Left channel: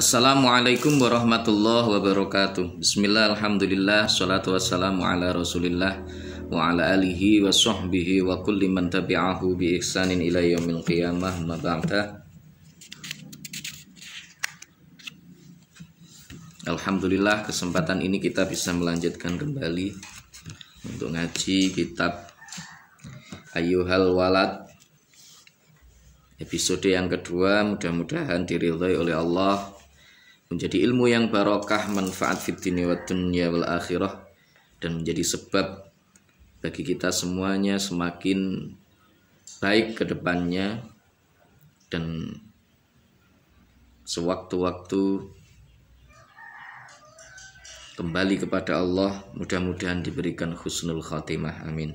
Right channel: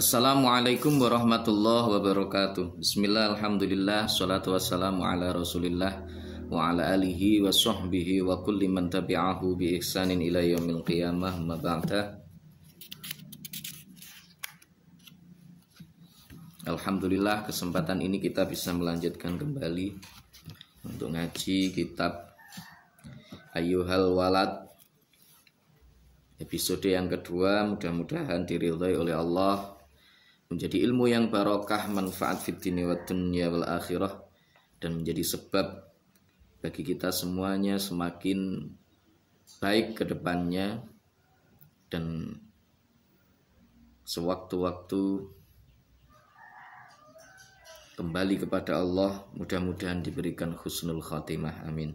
Assalamualaikum warahmatullahi wabarakatuh. Bismillah, alhamdulillah, salatu wassalamu ala rasulillah wa ala alihi wa sahbihi wa kulli man tabi'ahu bi ihsanin ila yaumil qiyamah ma ba'da. Alhamdulillah, kesempatan ini kita bisa melanjutkan kembali untuk ngaji kitab Ayyuhal Walad, episode yang kedua. Mudah-mudahan diridhai oleh Allah, menjadi ilmu yang barokah, manfaat fid dunya wad dunya wal akhirah, dan menjadi sebab bagi kita semuanya semakin baik ke depannya, dan sewaktu-waktu kembali kepada Allah, mudah-mudahan diberikan husnul khatimah, amin.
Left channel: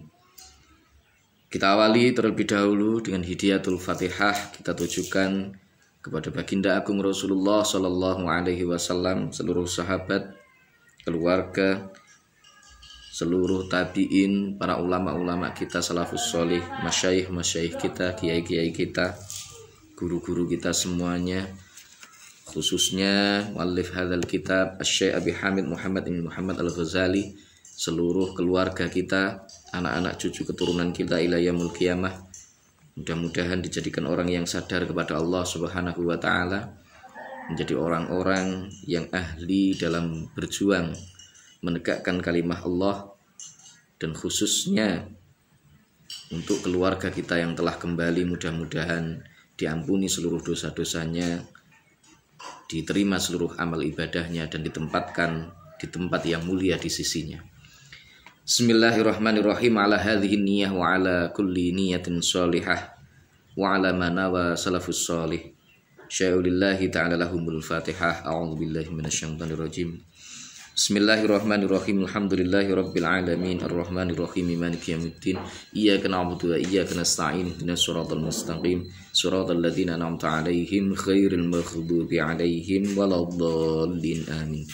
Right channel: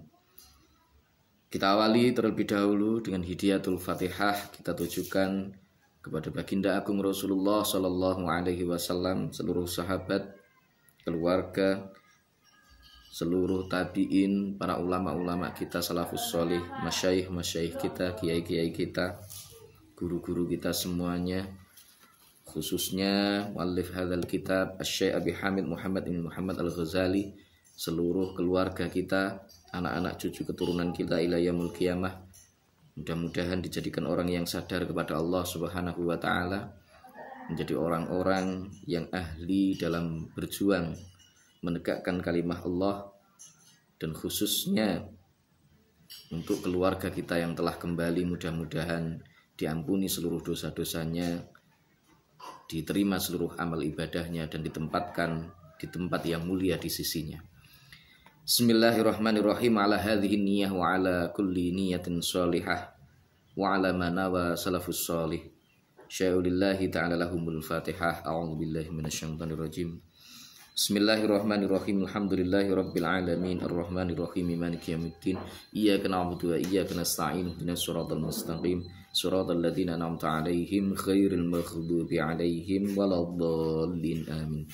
Kita awali terlebih dahulu dengan hidayatul Fatihah. Kita tujukan kepada baginda agung Rasulullah Sallallahu Alaihi Wasallam, seluruh sahabat, keluarga, seluruh tabiin, para ulama-ulama kita, salafus solih, masyayikh kita, kiai-kiai kita, guru-guru kita semuanya, khususnya muallif hadzal kitab Asy-Syaikh Abi Hamid Muhammad bin Muhammad Al-Ghazali, seluruh keluarga kita, anak-anak cucu keturunan kita ila yaumil qiyamah. Mudah-mudahan dijadikan orang yang sadar kepada Allah Subhanahu wa taala, menjadi orang-orang yang ahli dalam berjuang menegakkan kalimah Allah, dan khususnya untuk keluarga kita yang telah kembali, mudah-mudahan diampuni seluruh dosa-dosanya, diterima seluruh amal ibadahnya, dan ditempatkan di tempat yang mulia di sisinya. Bismillahirrahmanirrahim. Ala hadhihi niyyah wa ala kulli niyatin sholihah wa ala manawa salafus sholih. Syai'ulillahi ta'ala lahumul fatihah. A'udzu billahi minasyaitonir rajim. Bismillahirrahmanirrahim. Alhamdulillahi rabbil alamin arrahmanirrahim maliki yaumiddin. Iyyaka na'budu wa iyyaka nasta'in. Ihdinas siratal mustaqim. Siratal ladzina an'amta 'alaihim ghairil maghdubi 'alaihim waladdallin. Amin.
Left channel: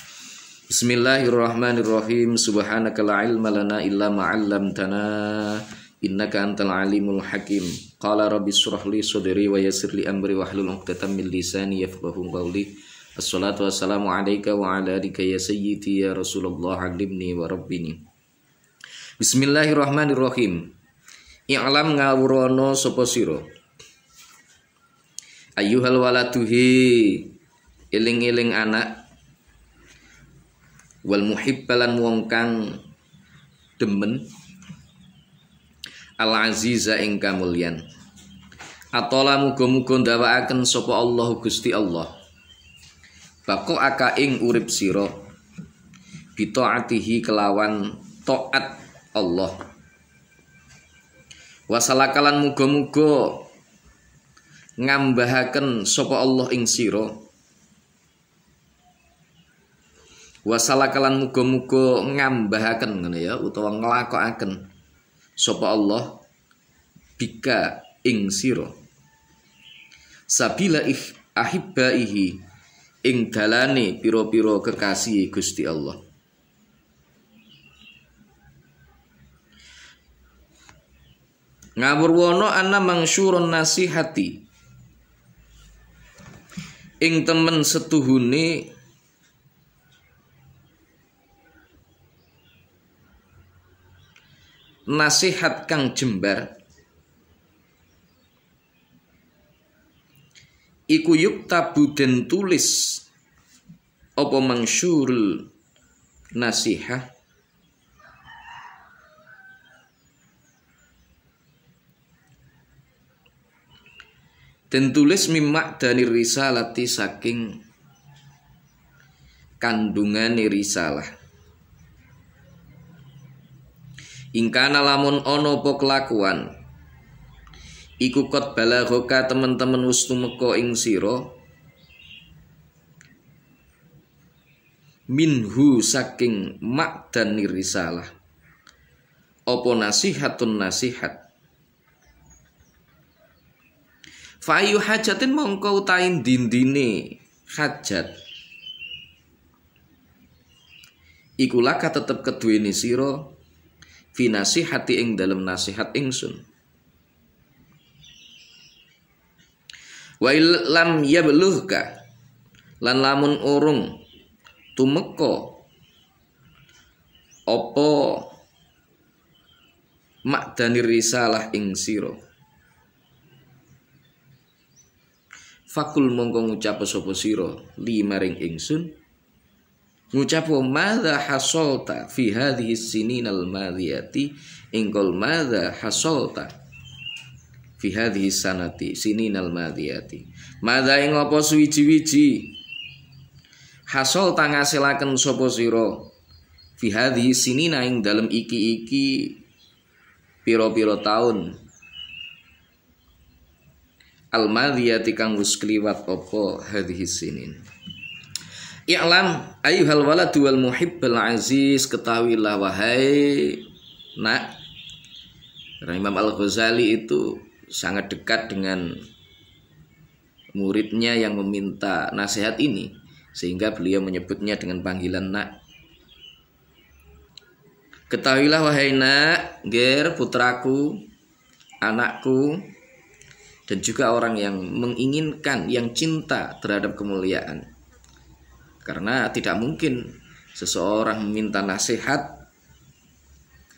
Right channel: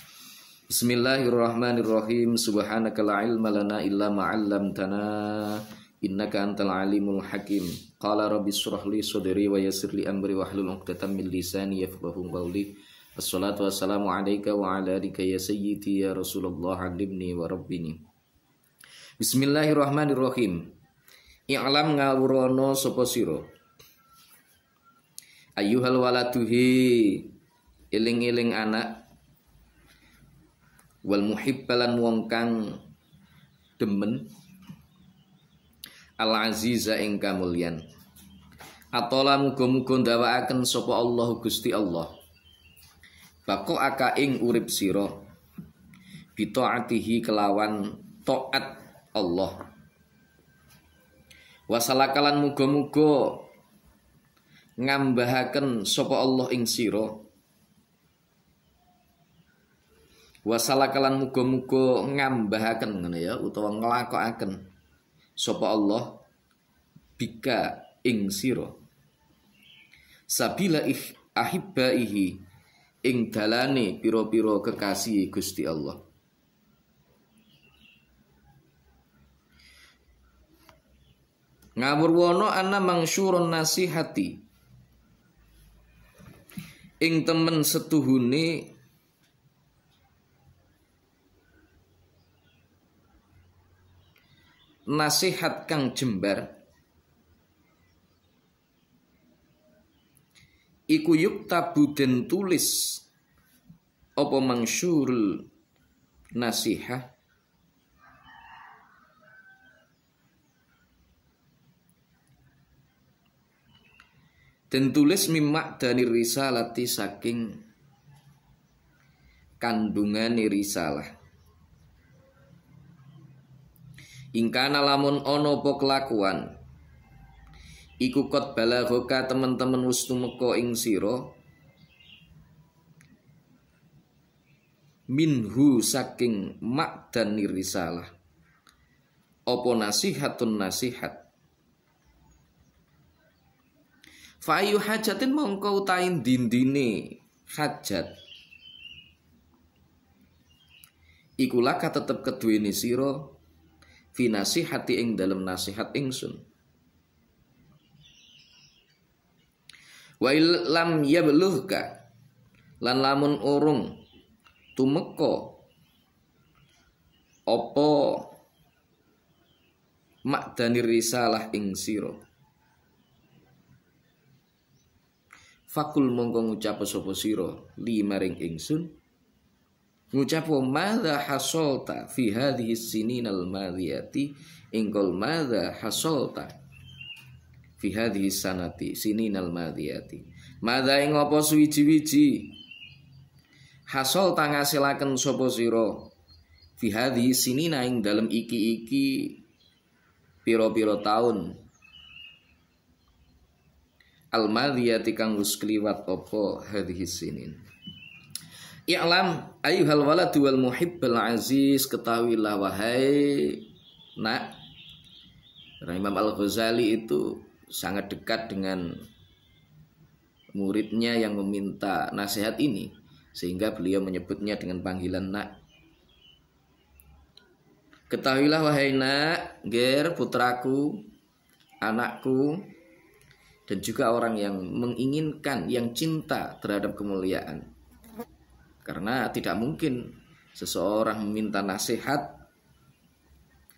Bismillahirrahmanirrahim. Subhanaka la ilma lana illa ma 'allamtana innaka antal alimul hakim. Qala rabbi shrah li sadri wa yassir li amri wahlul 'uqdatam min lisani yafqahu qawli. Assalatu wassalamu alayka wa ala alika ya sayyidi ya Rasulullah, 'allimni wa rabbini. Bismillahirrahmanirrahim. I'lam ngawurono sapa sira, ayyuhal waladuhi, eling-eling anak, wal muhibbalan wong kang demen, al aziza ing kamulyan, atola muga-muga ndawakaken sapa Allah Gusti Allah, bako aka ing urip sira, bitaatihi kelawan taat Allah, wasalakalan muga-muga ngambahaken sapa Allah ing sira, wasalakalan muga-muga ngambahaken ngono ya, utawa nglakokaken sapa Allah bika ing sira, sabila ahibbaihi ing dalane pira-pira kekasih Gusti Allah. Ngawurwana ana mangsyurun nasihati, ing temen setuhune nasihat kang jembar, iku yuktabu den tulis apa mangsyurul nasihah, den tulis mimak dari risalati, saking kandungane risalah. Ingkana lamun ono po kelakuan iku kot balaghoka temen-temen wis tumeka ing sira, minhu saking makdani risalah, apa nasihatun nasihat, fa ayu hajatin mongko utahin dindine hajat, iku laka tetep keduweni sira, fi nasihati ing dalam nasihat ingsun, Wa illam yablughka, lan lamun urung tumeka apa makdanir risalah ing sira fakul mongko ngucap sapa sira li maring ingsun ngucap madza hasolta fi hadhihi sininal madhiyati ingkol madza hasolta fi hadhihi sanati sininal madhiyati madza ing apa suwiji-wiji hasolta ngasilaken sapa sira fi hadhihi sinina ing dalem iki pira-pira taun al-madhiyati kang wis kliwat apa hadhihi sinin. I'lam ayyuhal waladu wal muhibbal aziz, ketahuilah wahai nak. Imam Al-Ghazali itu sangat dekat dengan muridnya yang meminta nasihat ini, sehingga beliau menyebutnya dengan panggilan nak. Ketahuilah wahai nak, ger putraku, anakku, dan juga orang yang menginginkan, yang cinta terhadap kemuliaan. Karena tidak mungkin seseorang meminta nasihat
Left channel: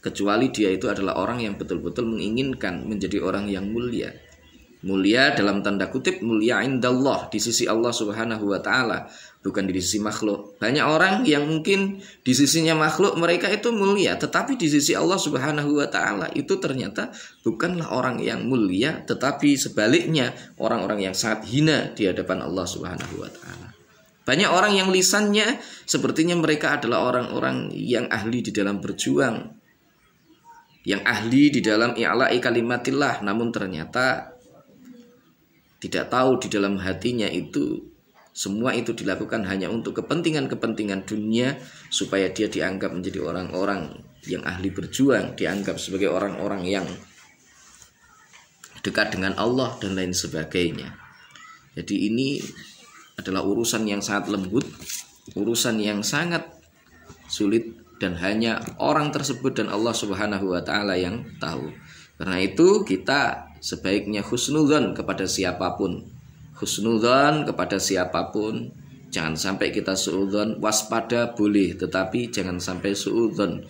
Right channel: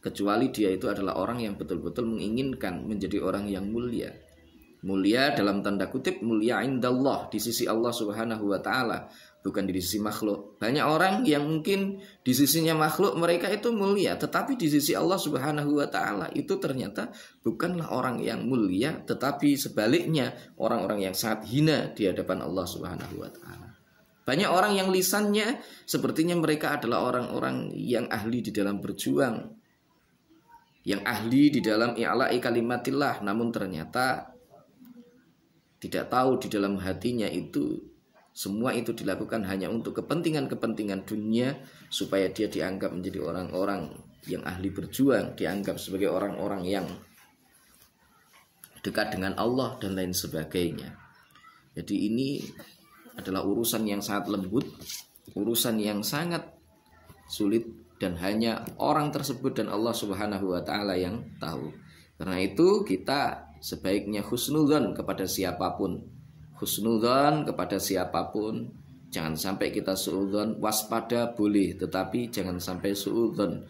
kecuali dia itu adalah orang yang betul-betul menginginkan menjadi orang yang mulia. Mulia dalam tanda kutip, mulia indallah, di sisi Allah Subhanahu wa ta'ala, bukan di sisi makhluk. Banyak orang yang mungkin di sisinya makhluk mereka itu mulia, tetapi di sisi Allah Subhanahu wa ta'ala itu ternyata bukanlah orang yang mulia, tetapi sebaliknya orang-orang yang sangat hina di hadapan Allah Subhanahu wa ta'ala. Banyak orang yang lisannya sepertinya mereka adalah orang-orang yang ahli di dalam berjuang, yang ahli di dalam i'la'i kalimatillah, namun ternyata tidak tahu di dalam hatinya itu semua itu dilakukan hanya untuk kepentingan-kepentingan dunia, supaya dia dianggap menjadi orang-orang yang ahli berjuang, dianggap sebagai orang-orang yang dekat dengan Allah dan lain sebagainya. Jadi ini adalah urusan yang sangat lembut, urusan yang sangat sulit, dan hanya orang tersebut dan Allah Subhanahu wa ta'ala yang tahu. Karena itu kita sebaiknya husnudzon kepada siapapun. Husnudzon kepada siapapun. Jangan sampai kita suudzon. Waspada boleh, tetapi jangan sampai suudzon.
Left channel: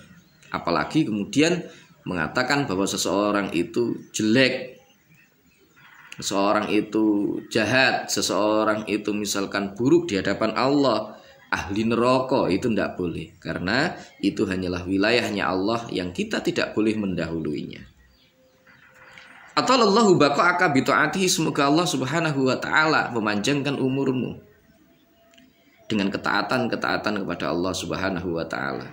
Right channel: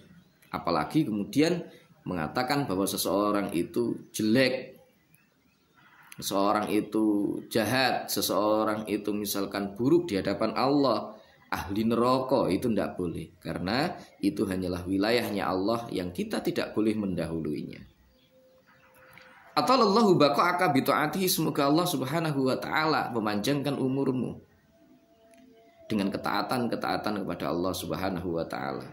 Apalagi kemudian mengatakan bahwa seseorang itu jelek, seseorang itu jahat, seseorang itu misalkan buruk di hadapan Allah, ahli neraka, itu tidak boleh. Karena itu hanyalah wilayahnya Allah yang kita tidak boleh mendahuluinya. Atallahu baqa'aka bi ta'atihi, semoga Allah Subhanahu wa ta'ala memanjangkan umurmu dengan ketaatan-ketaatan kepada Allah Subhanahu wa ta'ala.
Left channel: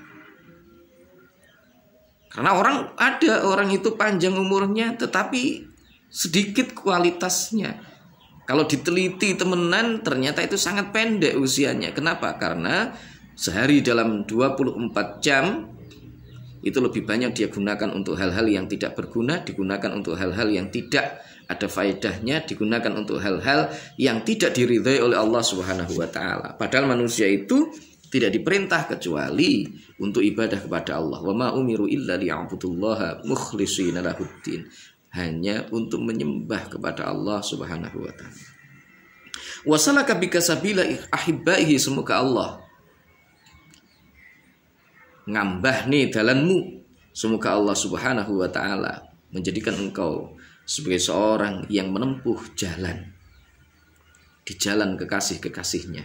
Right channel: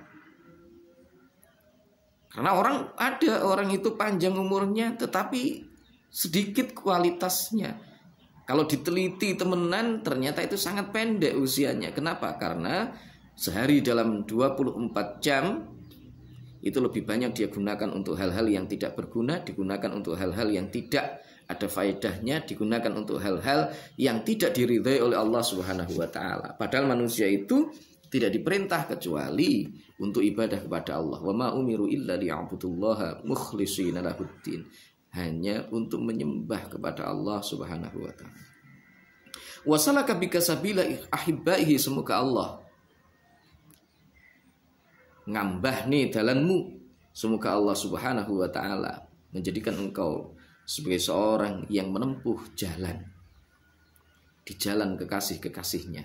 Karena ada orang itu panjang umurnya tetapi sedikit kualitasnya. Kalau diteliti temenan ternyata itu sangat pendek usianya. Kenapa? Karena sehari dalam 24 jam itu lebih banyak dia gunakan untuk hal-hal yang tidak berguna, digunakan untuk hal-hal yang tidak ada faedahnya, digunakan untuk hal-hal yang tidak diridhai oleh Allah Subhanahu wa ta'ala. Padahal manusia itu tidak diperintah kecuali untuk ibadah kepada Allah. Wa ma umiru illa liya'budullaha mukhlishina lahuddin. Hanya untuk menyembah kepada Allah Subhanahu wa ta'ala. Wa salaka bika sabila ahibbaihi, semoga Allah ngambah nih dalanmu. Semoga Allah Subhanahu wa ta'ala menjadikan engkau sebagai seorang yang menempuh jalan di jalan kekasih-kekasihnya.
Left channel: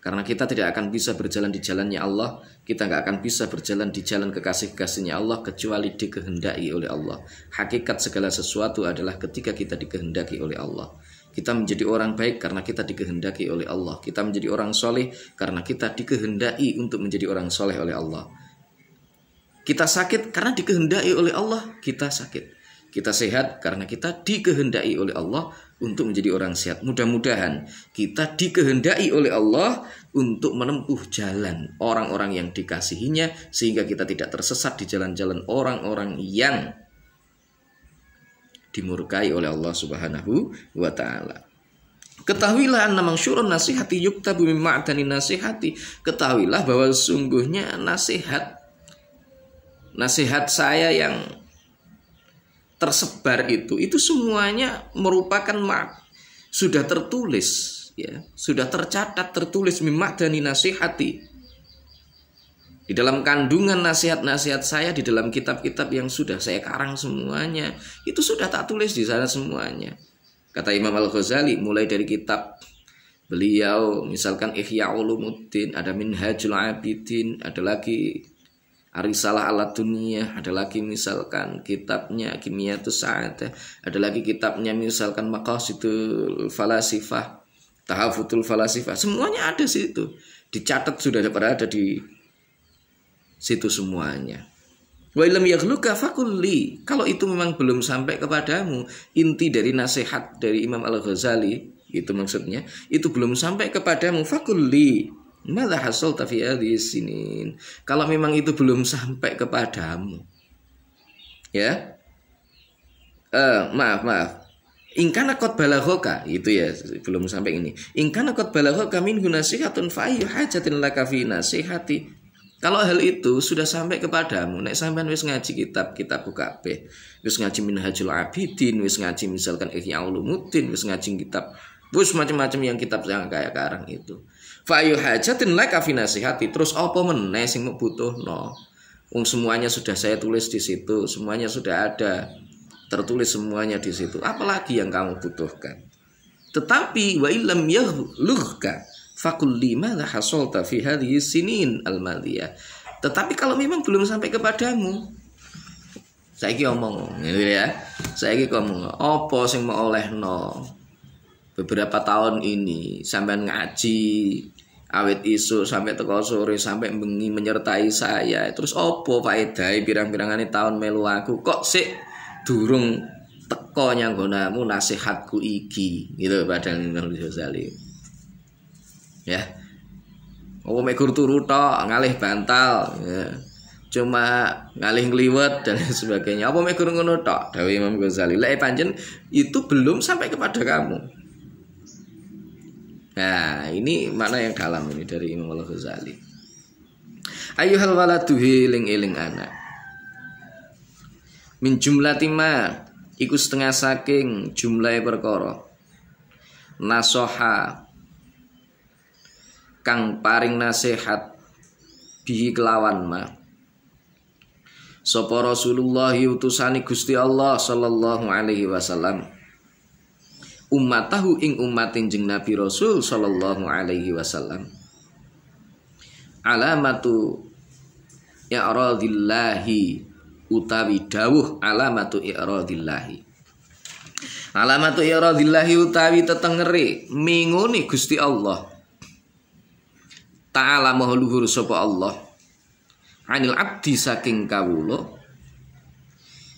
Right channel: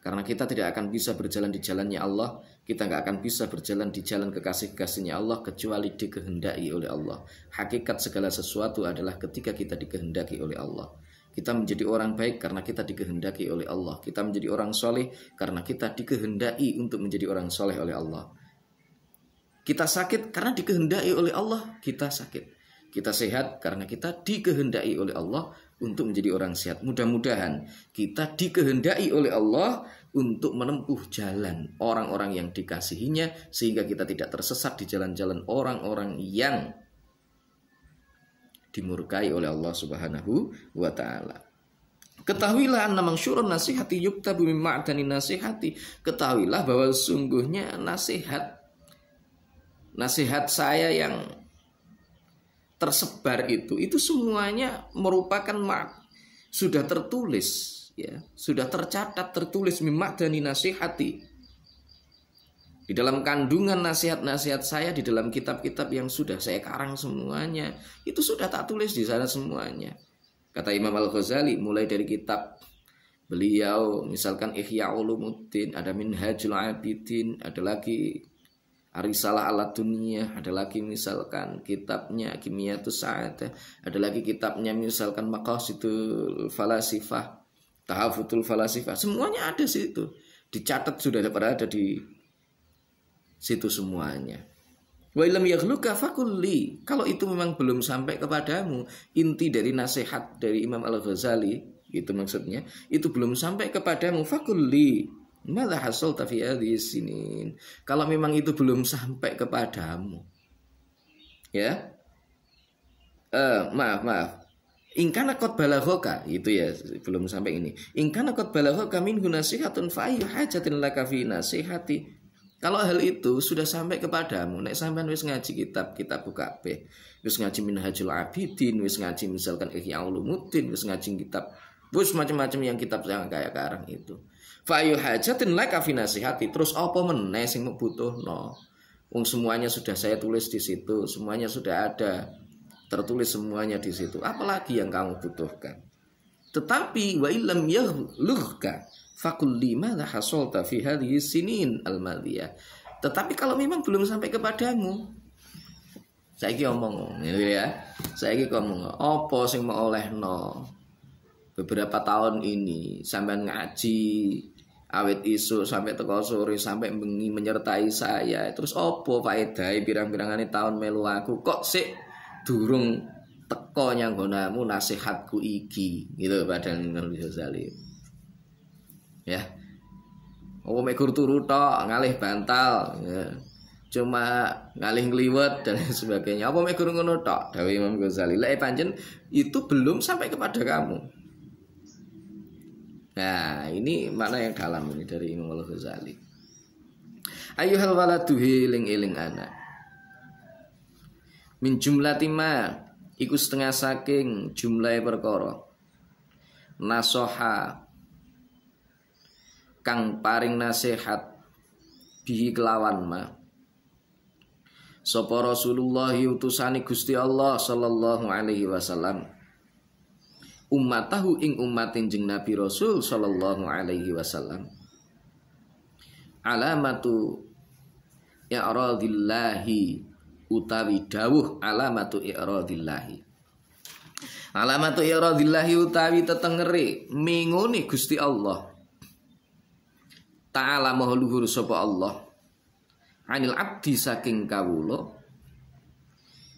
Karena kita tidak akan bisa berjalan di jalannya Allah, kita nggak akan bisa berjalan di jalan kekasih-kekasihnya Allah kecuali dikehendaki oleh Allah. Hakikat segala sesuatu adalah ketika kita dikehendaki oleh Allah. Kita menjadi orang baik karena kita dikehendaki oleh Allah. Kita menjadi orang soleh karena kita dikehendaki untuk menjadi orang soleh oleh Allah. Kita sakit karena dikehendaki oleh Allah, kita sakit. Kita sehat karena kita dikehendaki oleh Allah untuk menjadi orang sehat. Mudah-mudahan kita dikehendaki oleh Allah untuk menempuh jalan orang-orang yang dikasihinya, sehingga kita tidak tersesat di jalan-jalan orang-orang yang dimurkai oleh Allah Subhanahu wa ta'ala. Ketahuilah anna mangsyurun nasihati yuktabu min ma'dani nasihati. Ketahuilah bahwa sungguhnya nasihat saya yang tersebar itu semuanya merupakan sudah tertulis ya, sudah tercatat, tertulis mimadani nasihati, di dalam kandungan nasihat-nasihat saya, di dalam kitab-kitab yang sudah saya karang semuanya, itu sudah tak tulis di sana semuanya. Kata Imam Al-Ghazali, mulai dari kitab beliau, misalkan Ihya Ulumuddin, ada Minhajul Abidin, ada lagi Arisalah ala Dunia, ada lagi misalkan kitabnya Kimiyatus Sa'adah, ada lagi kitabnya misalkan Maqasidul Falasifah, Tahafutul Falasifah, semuanya ada situ. Dicatat sudah berada di situ semuanya. Wa illam yaghluka fakulli, kalau itu memang belum sampai kepadamu, inti dari nasihat dari Imam Al-Ghazali itu maksudnya, itu belum sampai kepadamu, fakulli madza hasalta fi hadhihi sinin, kalau memang itu belum sampai kepadamu, ya, maaf ingkana qad balaghoka, itu ya belum sampai ini, ingkana qad balaghoka minhu nasihatun fa ayyu hajatin laka fi nasihati. Kalau hal itu sudah sampai kepadamu, nek sampean wis ngaji kitab kabeh, wis ngaji Minhajul Abidin, wis ngaji misalkan Ihya Ulumuddin, wis ngaji kitab, wis macam-macam yang kitab yang kayak karang itu. Fa ayu hajatin laka fi nasihati, terus apa meneh sing butuhno? Wong semuanya sudah saya tulis di situ, semuanya sudah ada, tertulis semuanya di situ. Apalagi yang kamu butuhkan? Tetapi wa illam yaghluka fakul lima la hasolta fi hadhihi sinin al-madiyah. Tetapi kalau memang belum sampai kepadamu, saiki omong gitu ya. Saiki ngomong apa sing mau olehno beberapa tahun ini sampean ngaji awet isu sampai teko sore sampai bengi menyertai saya. Terus apa faedahe pirang-pirangane tahun melu aku kok sik durung teko nyanggonamu nasihatku iki gitu padahal Imam Ghazali. Ya, oh megur turu tok ngalih bantal, ya. Cuma ngalih ngliwet dan sebagainya. Apa megur ngono tok? Dawuh Imam Ghazali. Lek pancen itu belum sampai kepada kamu. Nah, ini makna yang dalam ini dari Imam Al-Ghazali. Ayyuhal waladu eling anak. Min jumlati ma iku setengah saking jumlahe perkara. Nasoha kang paring nasihat bihi kelawan ma sapa Rasulullah utusane Gusti Allah sallallahu alaihi wasallam ummatahu ing umatin jeng Nabi Rasul sallallahu alaihi wasallam alamatu i'radillahi utawi dawuh alamatu i'radillahi utawi tetengere mingune Gusti Allah Ta'ala maha luhur sapa Allah anil abdi saking kawula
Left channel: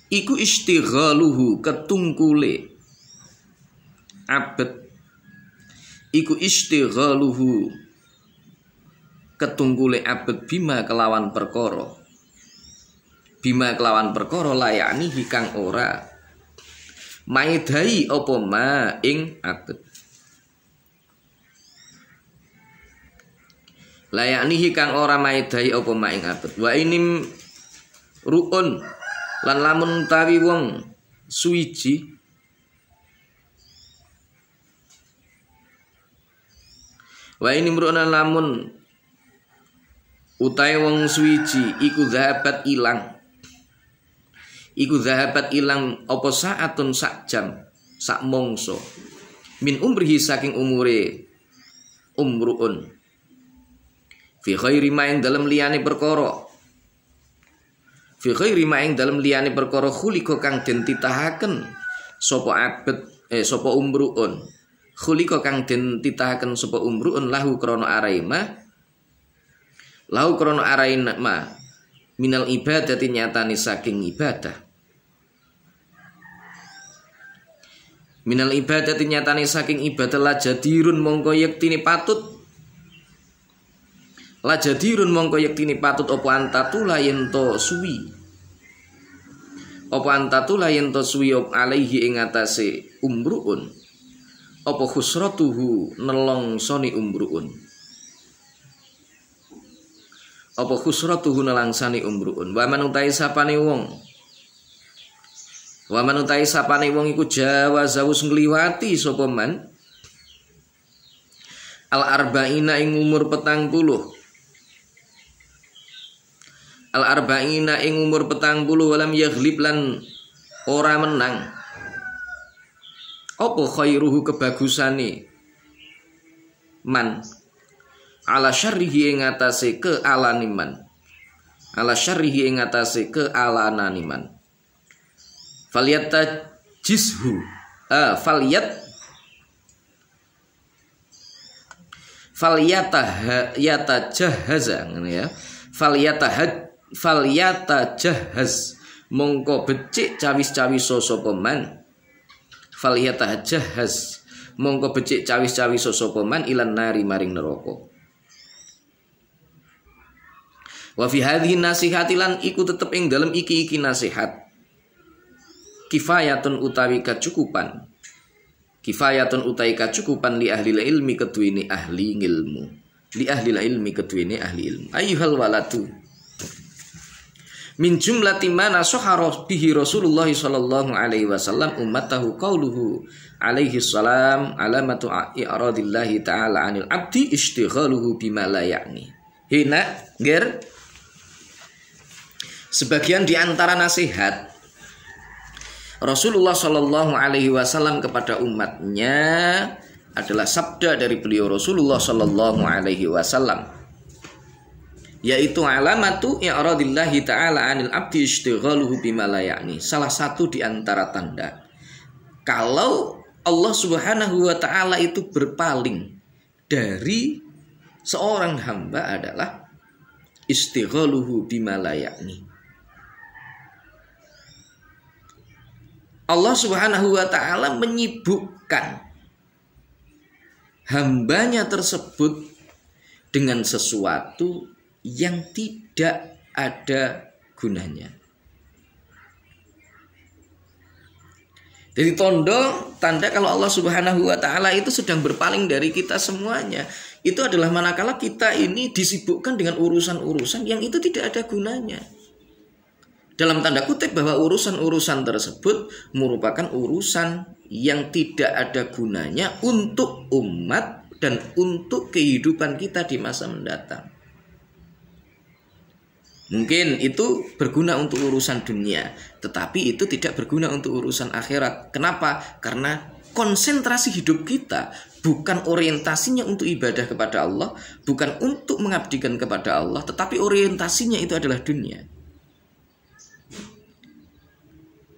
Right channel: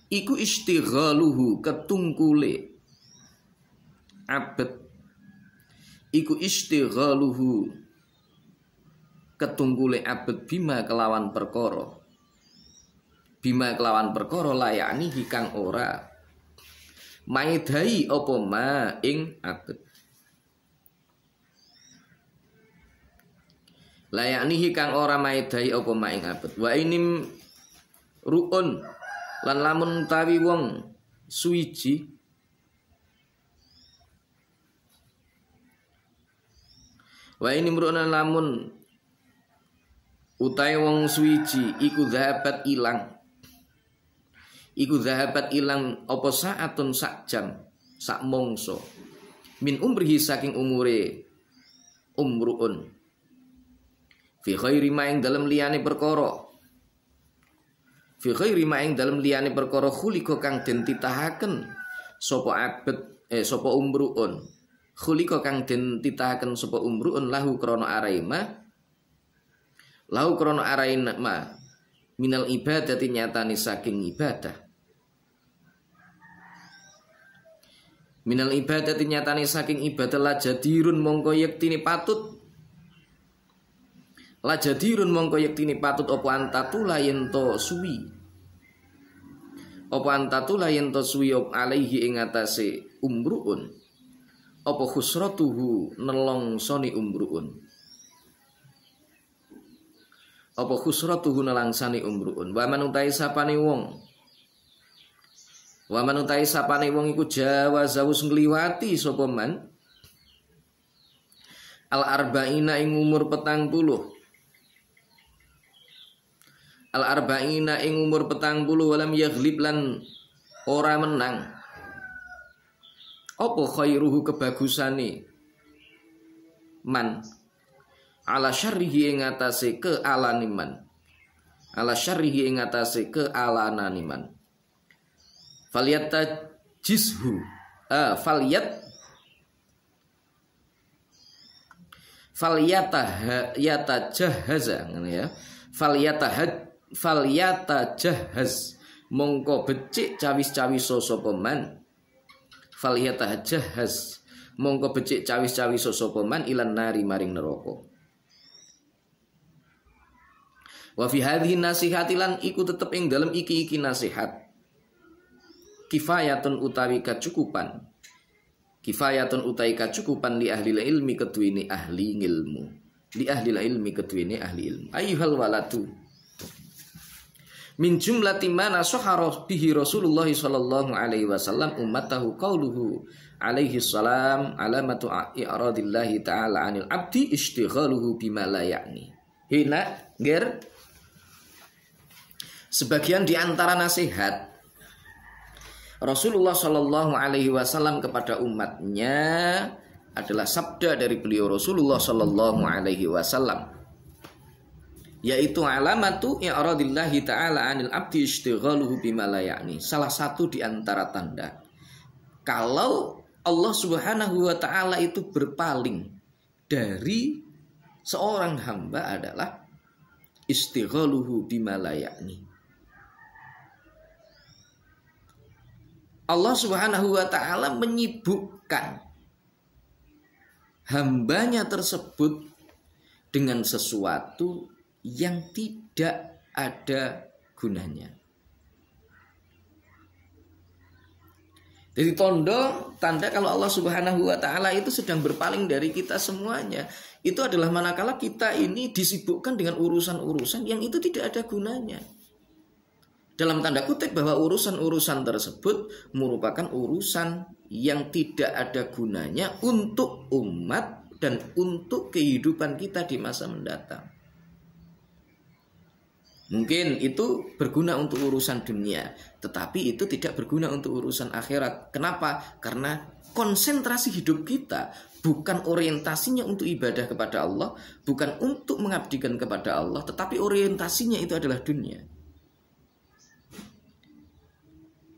iku istighaluhu ketungkule abet iku istighaluhu ketungkule abet bima kelawan perkara layani kang ora maidai apa ma ing abet layaknihi kang ora maedai apa maing abet wa inim ruun lan lamun utawi wong suwiji wa inim ruun lan lamun utawi wong suwiji iku zahabat ilang apa saatun sak jam sak mongso min umrihi saking umure umruun fi khairi ma ing dalem liyane perkara khuliqa kang den titahaken sapa abet sapa umruun khuliqa kang den titahaken sapa umruun lahu krana araima minal ibadati nyatane saking ibadah la jadirun mongko yektine patut apa antatula yento suwi alaihi ing atase umruun apa khusratuhu nelongsoni umruun wa manutai sapane wong iku jawazawus ngliwati sapa man al-arba'ina ing umur 40. Al-arba'ina ing umur 40 walam yaghlib lan ora menang. Apa khairuhu kebagusane man ala syarrihi ing atase kealane man. Ala syarrihi ing atase kealanane man. Faliyata jizhu faliyata jahaza ngene ya. Falyata jahaz mongko becik cawis-cawis sapa man. Falyata jahaz mongko becik cawis-cawis sapa man ilan nari maring neraka. Wa fi hadhihi nasihati lan iku tetep ing dalem iki nasihat. Kifayatun utawi kacukupan. Kifayatun utawi kacukupan li ahli ilmi keduwene ahli ilmu. Li ahli ilmi keduwene ahli ilmu. Ayyuhal waladu min jumlati mana sahara bihi Rasulullah sallallahu alaihi wasallam ummatahu qauluhu alaihi salam alamatu i'radillahi ta'ala 'anil 'abdi istighaluhu bima la ya'ni. Hina ger sebagian di antara nasihat Rasulullah sallallahu alaihi wasallam kepada umatnya adalah sabda dari beliau Rasulullah sallallahu alaihi wasallam, yaitu alamatu i'radillahi ta'ala 'anil 'abdi istighaluhu bima la ya'ni. Salah satu di antara tanda kalau Allah Subhanahu wa taala itu berpaling dari seorang hamba adalah istighaluhu bima la ya'ni. Allah Subhanahu wa taala menyibukkan hambanya tersebut dengan sesuatu yang tidak ada gunanya. Jadi tanda kalau Allah Subhanahu wa taala itu sedang berpaling dari kita semuanya, itu adalah manakala kita ini disibukkan dengan urusan-urusan yang itu tidak ada gunanya. Dalam tanda kutip bahwa urusan-urusan tersebut merupakan urusan yang tidak ada gunanya untuk umat dan untuk kehidupan kita di masa mendatang. Mungkin itu berguna untuk urusan dunia, tetapi itu tidak berguna untuk urusan akhirat. Kenapa? Karena konsentrasi hidup kita bukan orientasinya untuk ibadah kepada Allah, bukan untuk mengabdikan kepada Allah, tetapi orientasinya itu adalah dunia.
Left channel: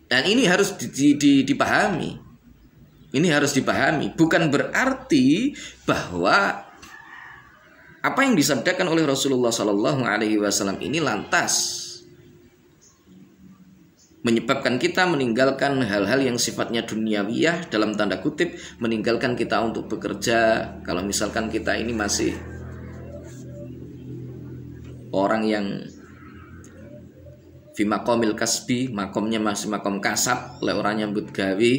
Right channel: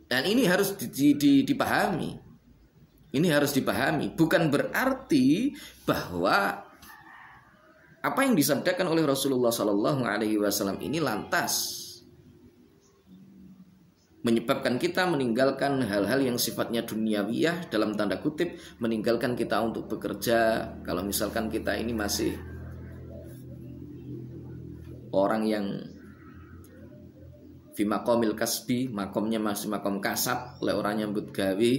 Dan ini harus dipahami. Ini harus dipahami. Bukan berarti bahwa apa yang disabdakan oleh Rasulullah Sallallahu Alaihi Wasallam ini lantas menyebabkan kita meninggalkan hal-hal yang sifatnya duniawiyah, dalam tanda kutip meninggalkan kita untuk bekerja. Kalau misalkan kita ini masih orang yang fi maqamil kasbi, makomnya masih makom kasab, oleh orang nyambut gawe.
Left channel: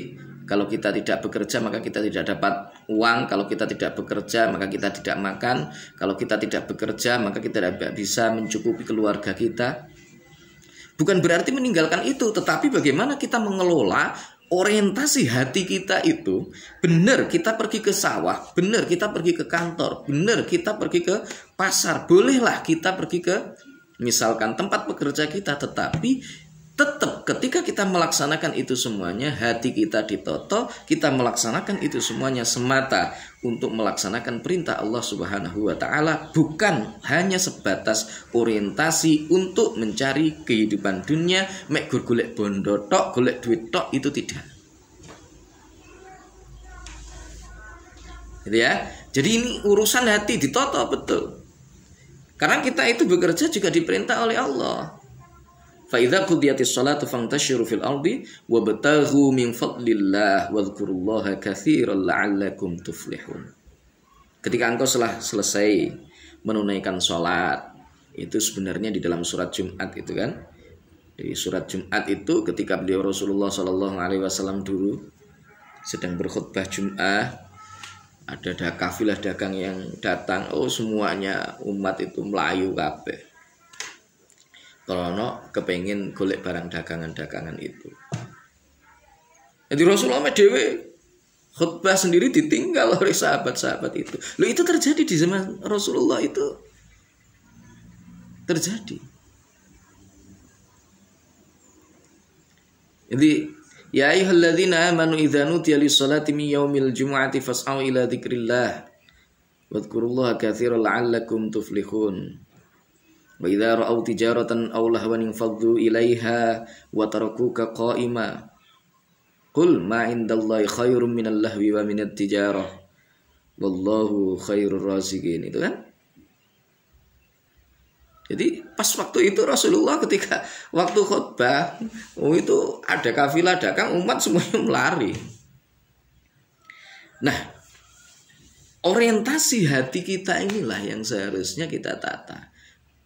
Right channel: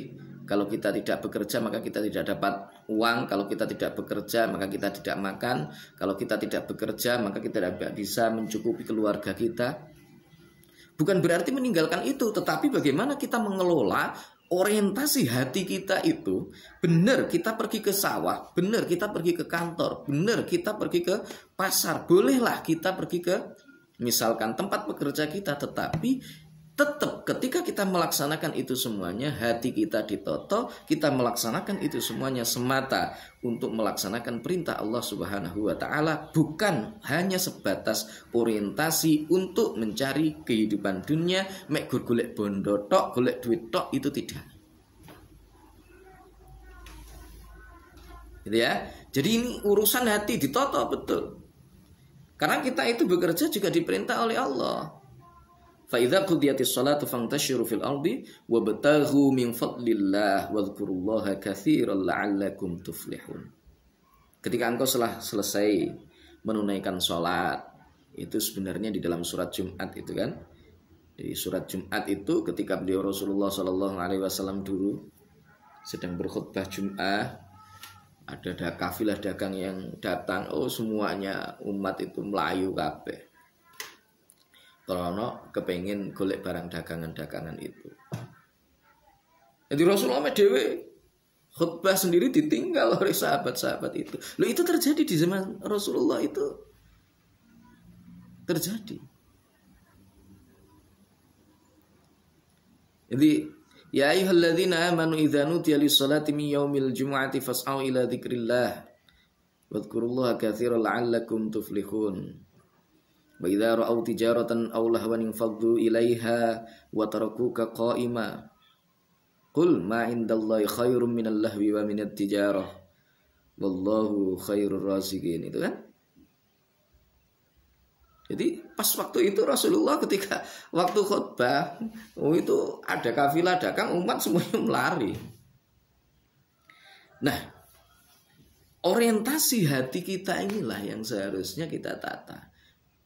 Kalau kita tidak bekerja maka kita tidak dapat uang. Kalau kita tidak bekerja maka kita tidak makan. Kalau kita tidak bekerja maka kita tidak bisa mencukupi keluarga kita. Bukan berarti meninggalkan itu, tetapi bagaimana kita mengelola orientasi hati kita itu. Benar kita pergi ke sawah, benar kita pergi ke kantor, benar kita pergi ke pasar, bolehlah kita pergi ke misalkan tempat pekerja kita, tetapi tetap ketika kita melaksanakan itu semuanya, hati kita ditoto, kita melaksanakan itu semuanya semata untuk melaksanakan perintah Allah Subhanahu wa taala, bukan hanya sebatas orientasi untuk mencari kehidupan dunia, mek golek bondo tok, golek duit tok, itu tidak. Gitu ya. Jadi ini urusan hati ditoto betul. Karena kita itu bekerja juga diperintah oleh Allah. Fa idza qudiyatis shalatu fantashiru fil ardi wabtaghu min fadlillah wadhkurullaha katsiran la'allakum tuflihun. Ketika engkau selesai menunaikan salat, itu sebenarnya di dalam surat Jumat itu kan. Di surat Jumat itu ketika beliau Rasulullah sallallahu alaihi wasallam dulu sedang berkhutbah Jumat, ada kafilah dagang yang datang, semuanya umat itu melayu kabeh. Kalau kepengen golek barang dagangan-dagangan itu. Jadi Rasulullah dhewe khutbah sendiri ditinggal oleh sahabat-sahabat itu. Loh, itu terjadi di zaman Rasulullah, itu terjadi. Jadi ya ayyuhalladzina amanu idza nudiya lis-salati min yaumil jumu'ati fas'au ila dzikrillah wadhkurullaha katsiran la'allakum tuflihun. Wa idza ra'aw tijaratan aw lahwan infaddu ilaiha wa tarakuka qa'ima qul ma 'indallahi khairum minal lahwi wa minat tijarah wallahu khairur raziqin. Itu kan. Jadi pas waktu itu Rasulullah ketika waktu khutbah, itu ada kafilah dagang, umat semuanya melari. Nah, orientasi hati kita inilah yang seharusnya kita tata.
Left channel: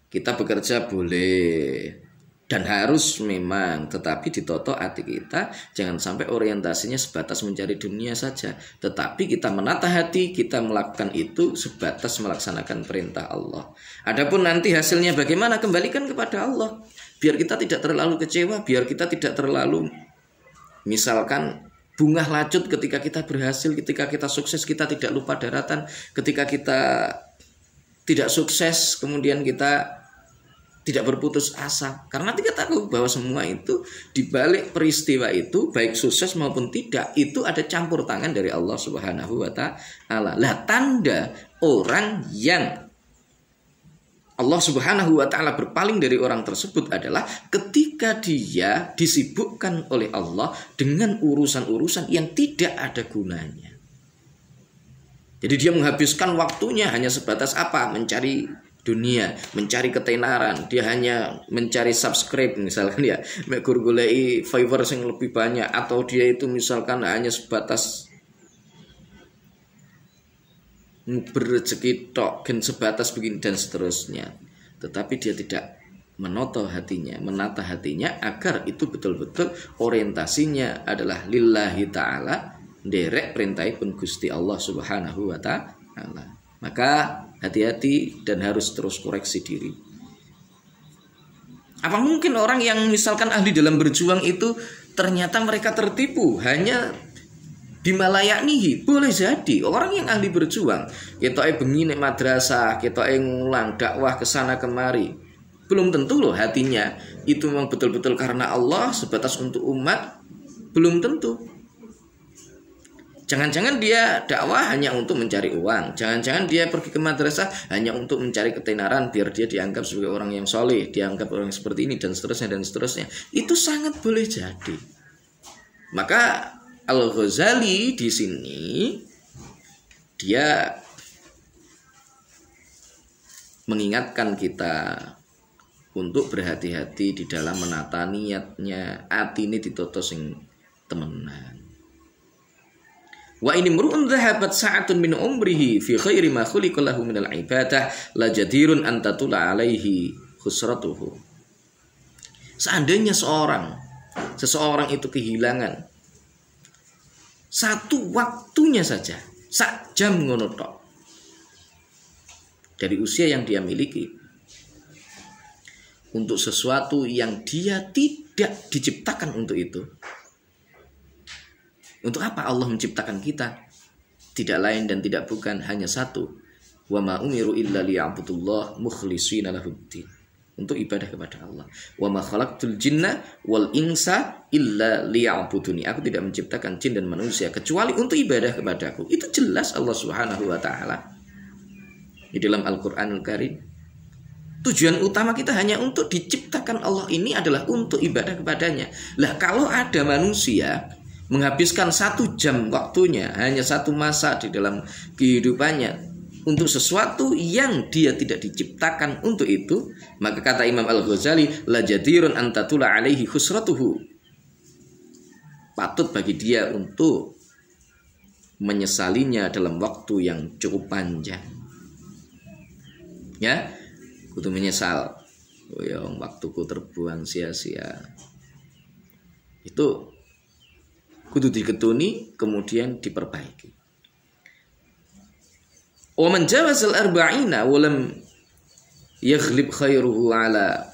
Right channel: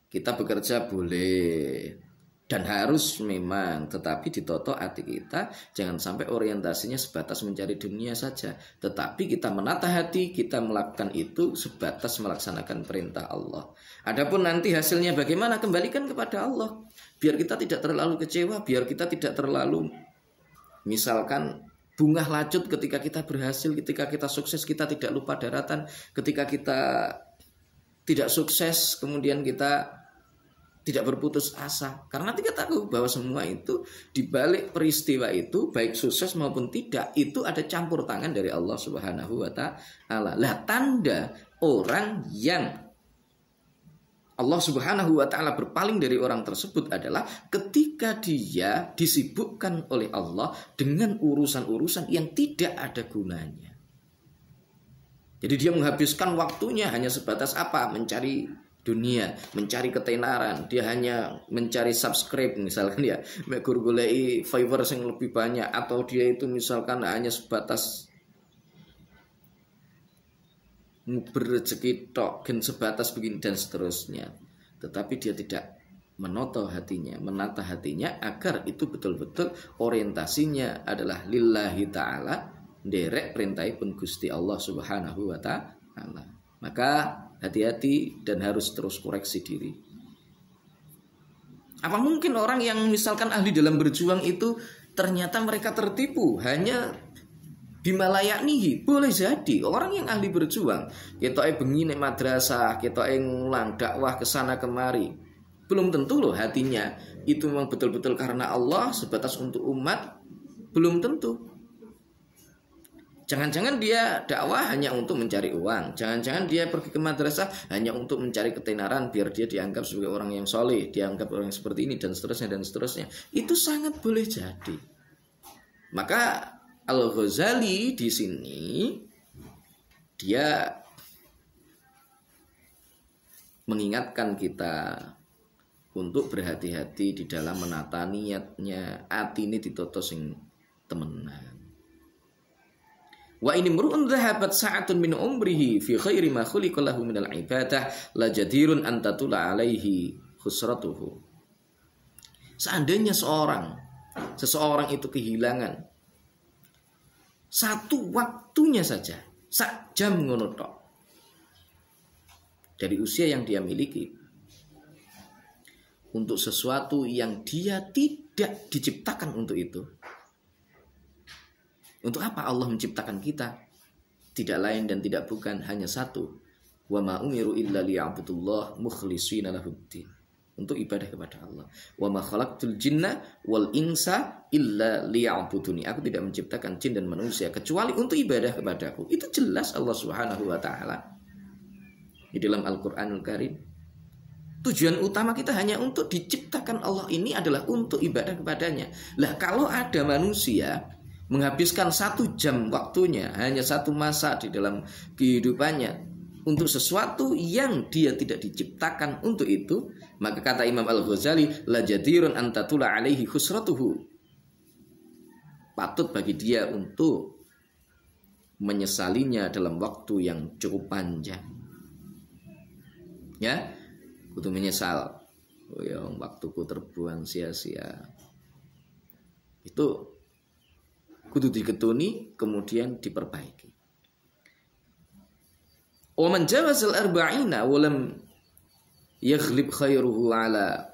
Kita bekerja boleh dan harus memang, tetapi ditoto hati kita, jangan sampai orientasinya sebatas mencari dunia saja, tetapi kita menata hati, kita melakukan itu sebatas melaksanakan perintah Allah. Adapun nanti hasilnya bagaimana, kembalikan kepada Allah. Biar kita tidak terlalu kecewa, biar kita tidak terlalu misalkan bunga lacut ketika kita berhasil, ketika kita sukses kita tidak lupa daratan, ketika kita tidak sukses kemudian kita tidak berputus asa, karena kita tahu bahwa semua itu dibalik peristiwa itu, baik sukses maupun tidak, itu ada campur tangan dari Allah Subhanahu wa Ta'ala. Lah, tanda orang yang Allah Subhanahu wa Ta'ala berpaling dari orang tersebut adalah ketika dia disibukkan oleh Allah dengan urusan-urusan yang tidak ada gunanya. Jadi dia menghabiskan waktunya hanya sebatas apa? Mencari dunia, mencari ketenaran, dia hanya mencari subscribe misalkan ya, goleki followers yang lebih banyak, atau dia itu misalkan hanya sebatas berrezeki tok, sebatas begini dan seterusnya. Tetapi dia tidak menata hatinya agar itu betul-betul orientasinya adalah lillahi ta'ala, derek perintahipun Gusti Allah Subhanahu wa Ta'ala. Maka hati-hati dan harus terus koreksi diri. Apa mungkin orang yang misalkan ahli dalam berjuang itu ternyata mereka tertipu hanya bimalayaknihi? Boleh jadi orang yang ahli berjuang, ketoke bengi nek madrasah, ketoke ngulang dakwah kesana kemari, belum tentu loh hatinya itu memang betul-betul karena Allah sebatas untuk umat, belum tentu. Jangan-jangan dia dakwah hanya untuk mencari uang. Jangan-jangan dia pergi ke madrasah hanya untuk mencari ketenaran, biar dia dianggap sebagai orang yang soleh, dianggap orang yang seperti ini dan seterusnya dan seterusnya. Itu sangat boleh jadi. Maka Al-Ghazali di sini dia mengingatkan kita untuk berhati-hati di dalam menata niatnya, hati ini ditoto sing temenan. Wa ini mru'un dhahabat sa'atun min umrihi fi khairi ma khuliqa lahu min al-ibadah la jadirun an tatula alaihi khusratuhu. Seandainya seseorang itu kehilangan satu waktunya saja, sak jam ngono tok, dari usia yang dia miliki untuk sesuatu yang dia tidak diciptakan untuk itu. Untuk apa Allah menciptakan kita? Tidak lain dan tidak bukan, hanya satu. Wa ma umiru illa liya'budullah mukhlishina lahuddin. Untuk ibadah kepada Allah. Wa ma khalaqtul jinna wal insa illa liya'buduni. Aku tidak menciptakan jin dan manusia kecuali untuk ibadah kepadaku. Itu jelas Allah Subhanahu wa Ta'ala di dalam Al-Qur'anul Karim. Tujuan utama kita hanya untuk diciptakan Allah ini adalah untuk ibadah kepadanya. Lah, kalau ada manusia menghabiskan 1 jam waktunya, hanya satu masa di dalam kehidupannya untuk sesuatu yang dia tidak diciptakan untuk itu, maka kata Imam Al-Ghazali, la jadirun an tatula alaihi khusratuhu. Patut bagi dia untuk menyesalinya dalam waktu yang cukup panjang. Ya, kudu menyesal. Oh ya, waktuku terbuang sia-sia. Itu kudu diketuni, kemudian diperbaiki. Wa man jawazal arba'ina wa lam yaghlib khairuhu ala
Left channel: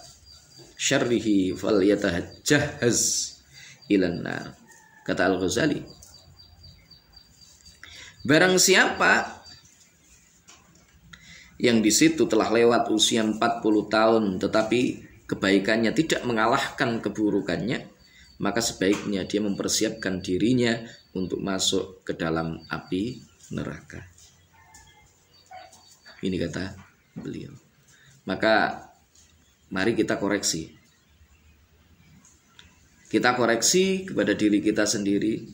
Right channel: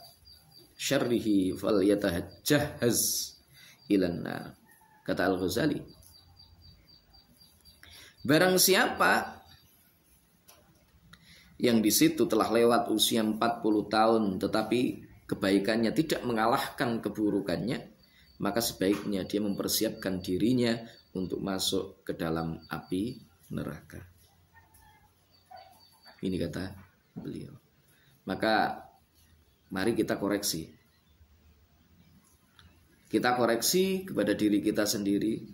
syarrihi falyatahajjaz ila an-nar. Kata Al-Ghazali, Barang siapa yang di situ telah lewat usia 40 tahun tetapi kebaikannya tidak mengalahkan keburukannya, maka sebaiknya dia mempersiapkan dirinya untuk masuk ke dalam api neraka. Ini kata beliau. Maka mari kita koreksi. Kita koreksi kepada diri kita sendiri.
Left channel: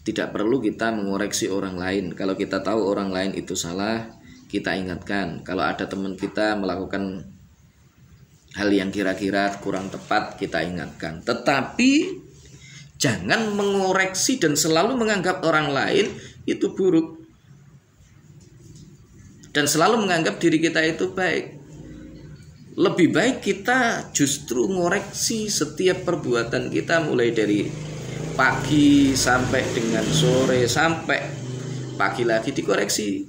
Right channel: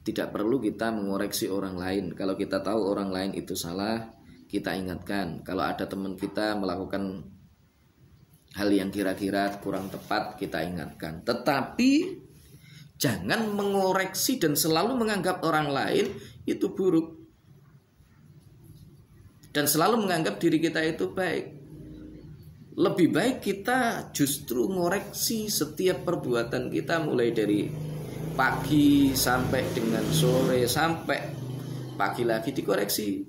Tidak perlu kita mengoreksi orang lain. Kalau kita tahu orang lain itu salah, kita ingatkan. Kalau ada teman kita melakukan hal yang kira-kira kurang tepat, kita ingatkan. Tetapi jangan mengoreksi dan selalu menganggap orang lain itu buruk, dan selalu menganggap diri kita itu baik. Lebih baik kita justru mengoreksi setiap perbuatan kita, mulai dari pagi sampai dengan sore, sampai pagi lagi dikoreksi.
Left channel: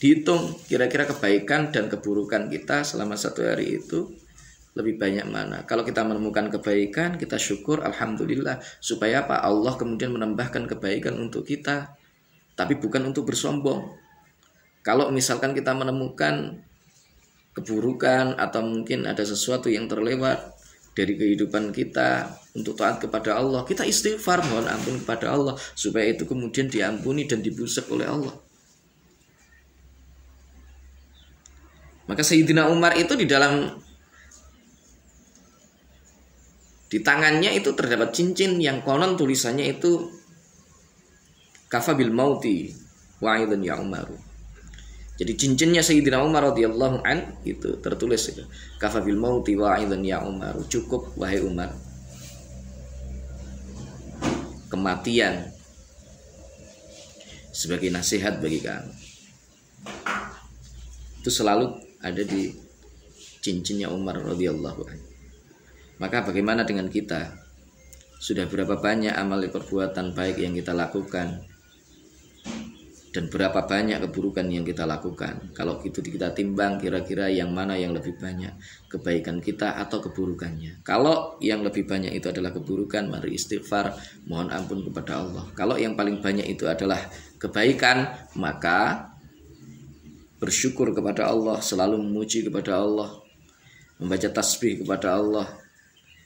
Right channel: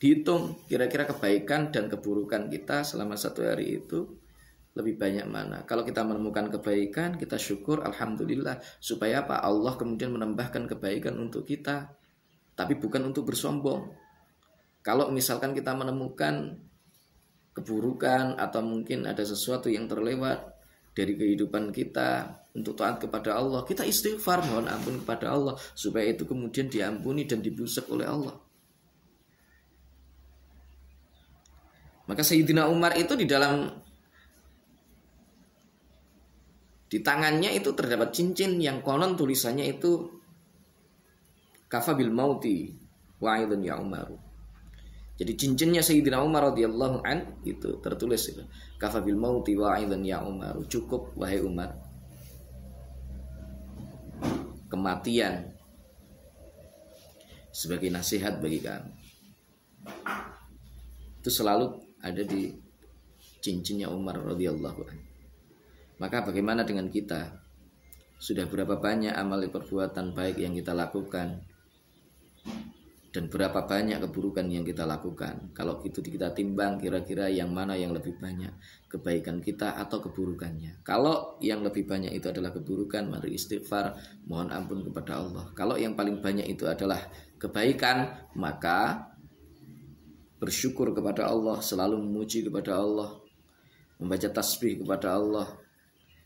Dihitung kira-kira kebaikan dan keburukan kita selama satu hari itu lebih banyak mana. Kalau kita menemukan kebaikan, kita syukur, alhamdulillah. Supaya apa? Allah kemudian menambahkan kebaikan untuk kita, tapi bukan untuk bersombong. Kalau misalkan kita menemukan keburukan atau mungkin ada sesuatu yang terlewat dari kehidupan kita untuk taat kepada Allah, kita istighfar, mohon ampun kepada Allah, supaya itu kemudian diampuni dan dibusuk oleh Allah. Maka Sayyidina Umar itu di tangannya itu terdapat cincin yang konon tulisannya itu kafa bil mauti wa'idun ya Umaru. Jadi cincinnya Sayyidina Umar radhiyallahu an itu tertulis itu kafa bil mauti wa'idun ya Umaru, cukup wahai Umar, kematian sebagai nasihat bagi kamu. Itu selalu ada di cincinnya Umar radhiyallahu anhu. Maka bagaimana dengan kita? Sudah berapa banyak amal perbuatan baik yang kita lakukan, dan berapa banyak keburukan yang kita lakukan? Kalau itu kita timbang, kira-kira yang mana yang lebih banyak, kebaikan kita atau keburukannya? Kalau yang lebih banyak itu adalah keburukan, mari istighfar, mohon ampun kepada Allah. Kalau yang paling banyak itu adalah kebaikan, maka bersyukur kepada Allah, selalu memuji kepada Allah, membaca tasbih kepada Allah,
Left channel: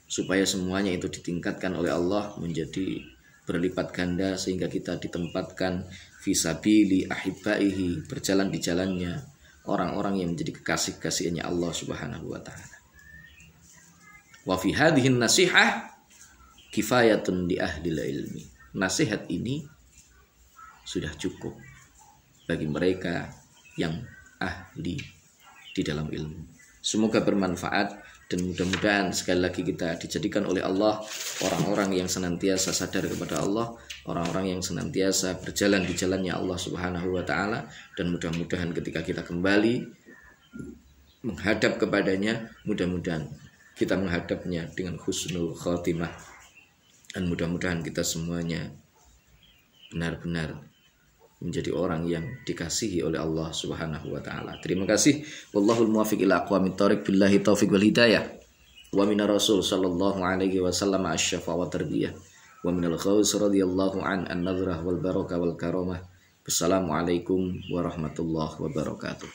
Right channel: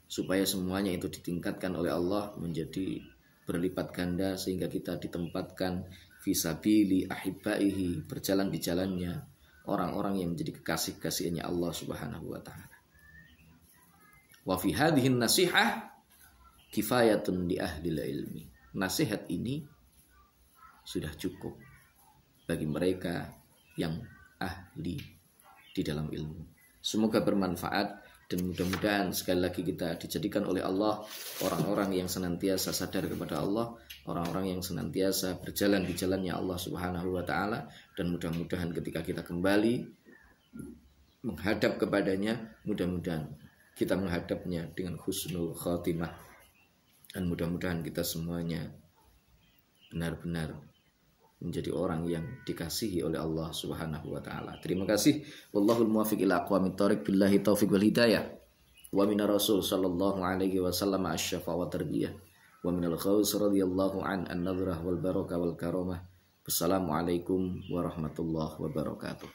supaya semuanya itu ditingkatkan oleh Allah menjadi berlipat ganda, sehingga kita ditempatkan fisabili ahibbaihi, berjalan di jalannya orang-orang yang menjadi kekasih-kasihnya Allah Subhanahu wa taala. Wa fi hadhihi nasihah kifayatun li ahli ilmi. Nasihat ini sudah cukup bagi mereka yang ahli di dalam ilmu. Semoga bermanfaat, dan mudah-mudahan sekali lagi kita dijadikan oleh Allah orang-orang yang senantiasa sadar kepada Allah, orang-orang yang senantiasa berjalan di jalannya Allah Subhanahu wa taala, dan mudah-mudahan ketika kita kembali menghadap kepadanya, mudah-mudahan kita menghadapnya dengan husnul khatimah, dan mudah-mudahan kita semuanya benar-benar menjadi orang yang dikasihi oleh Allah Subhanahu wa taala. Terima kasih. Wallahul muwaffiq ila aqwamit thoriq, billahi taufiq wal hidayah. Wa minar rasul sallallahu alaihi wasallam asy-syafa wa tarbiyah. Wa minal khaus radhiyallahu an nadrah wal barakah wal karamah. Wassalamualaikum warahmatullahi wabarakatuh.